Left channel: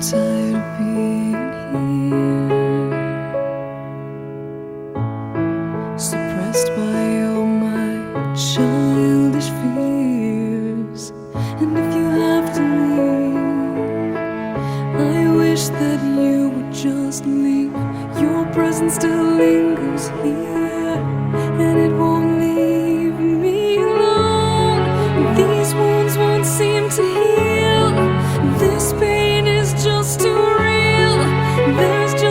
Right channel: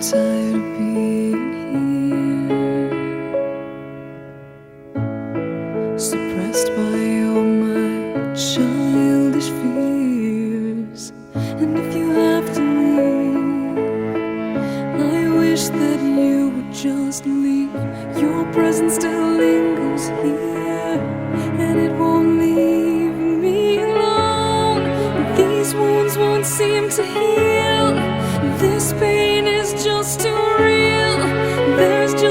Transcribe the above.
tired of being here, suppressed by all my childish fears. And if you have to leave, I wish that you would just leave. Your presence still lingers here, and it won't leave me alone. These wounds won't seem to heal. This pain is just too real. There's just